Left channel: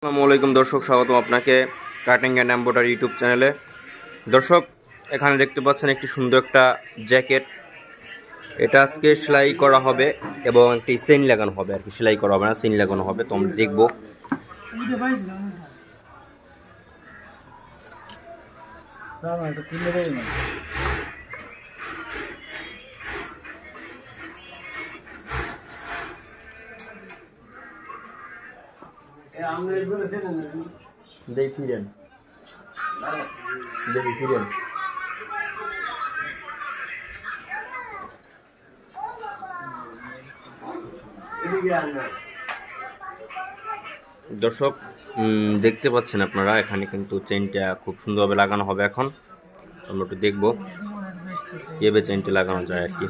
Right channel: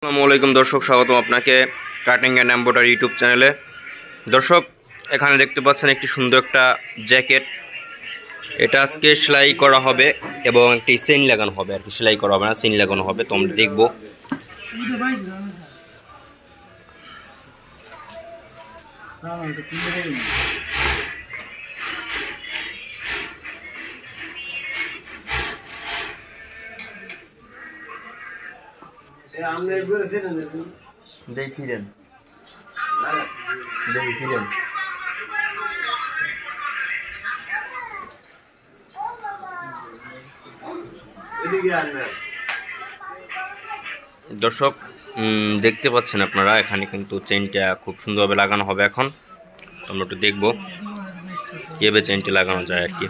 আসসালামু আলাইকুম দর্শক, স্বাগতম আপনাকে কাটিং অ্যান্ড এমব্রয়ডারি ইউটিউব চ্যানেলে। দর্শক, এখানে দেখতে পাচ্ছেন একটি সুন্দর একটা জ্যাকেট। এটা আজকে সেলাই করা হবে এবং একটি চেইন লাগানো হবে, আর কি সেলাই করা হবে না, চেইন লাগানো হবে। তো আমরা দেখবো। দেখি ফিরেন, দেখি ফিরেন। দর্শক, দেখতে পাচ্ছেন আপনারা, এখানে কিন্তু চেইনটা খুব সুন্দরভাবে লাগানো হবে। এখন আমরা একটু দেখবো কিভাবে চেইনটা লাগানো যায় আর কি।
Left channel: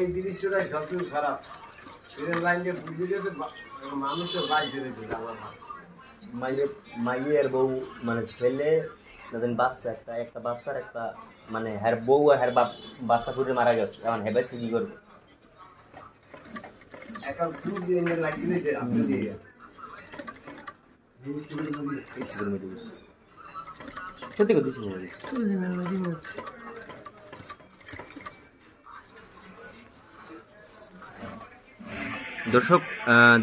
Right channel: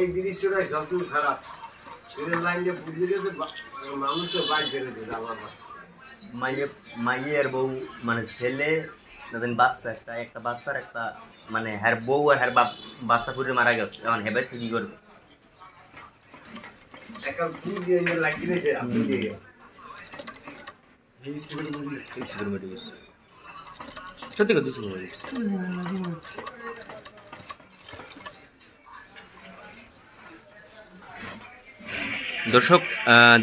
এই জিনিসটাই সবচেয়ে খারাপ। লাইনে বুঝে গেছে মানুষ তো বাইক ধরে দিল। আমার মাইয়ের বউ মানে ছেলে বাচ্চা, একটা বাচ্চার একটা মানে হ্যার বউ আর হ্যার বাচ্চা পুরে মারা গেছে। এখন হেবে কি করবে? সত্যি কথা দর্শক,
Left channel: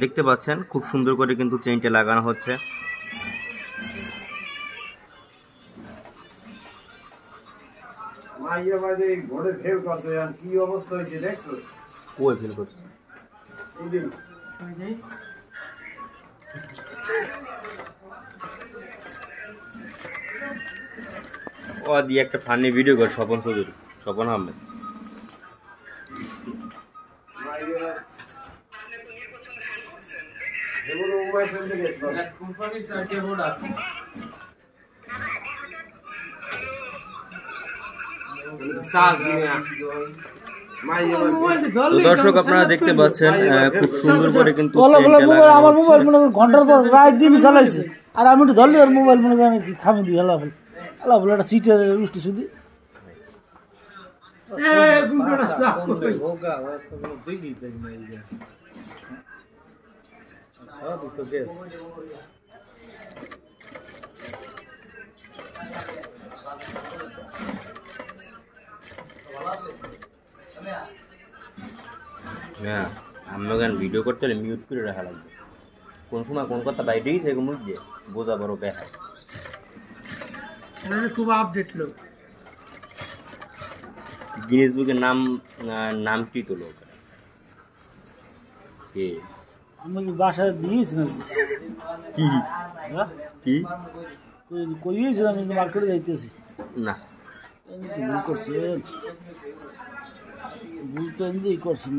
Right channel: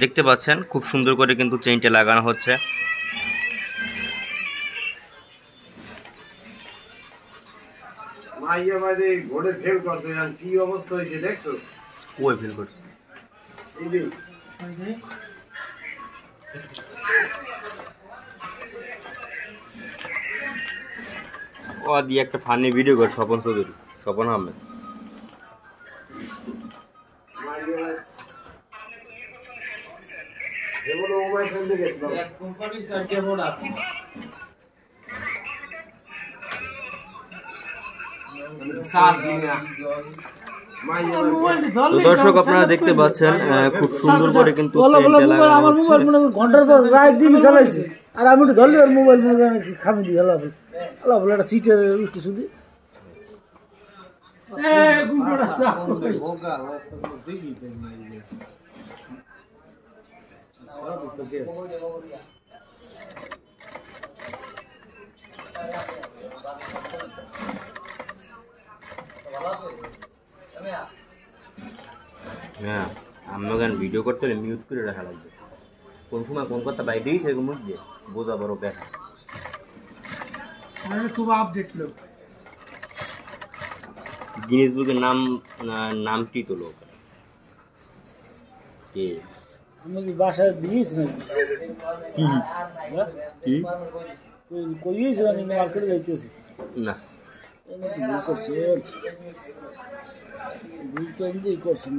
দেখতে পাচ্ছেন খুব সুন্দর করে কিন্তু চেইনটা লাগানো হচ্ছে। মাইয়া বাদে ঘোড়ে ফেল করছে, কি অবস্থা হয়েছে দেখছো? কই ফেল করছে? ও দিয়ে একটা ফানি ভিডিও করে স্বপন চৌধুরী, স্বপন আহমেদ। তো দর্শক, আপনারা দেখতে পাচ্ছেন খুব সুন্দর করে কিন্তু চেইনটা লাগানো হচ্ছে। ঘন্টার পর রাত দিন চালাইছে, আর আমি একটু ধরলে আর মোবাইল মনে করেন খামি দিই। আল্লাহ বল, আল্লাহ বল, একটা সিটের উষ্টি শুধু হ্যাঁ, আমরা গান ভিডিও করতে হলে মিউট করে রাখা লাগবে। কোন সময় কোন কথা বাইরেই সেগুলো মুখ দিয়ে বোঝা বড় ব্যাপার। খুব আপডেট লোক। গিনেস বুকের নামটি তো লোক কে? আমাকে বাসা দিয়েছিলাম। কি কি কইয়েছিলাম মার্কেটে যাইতেছি না করছেন, করছেন।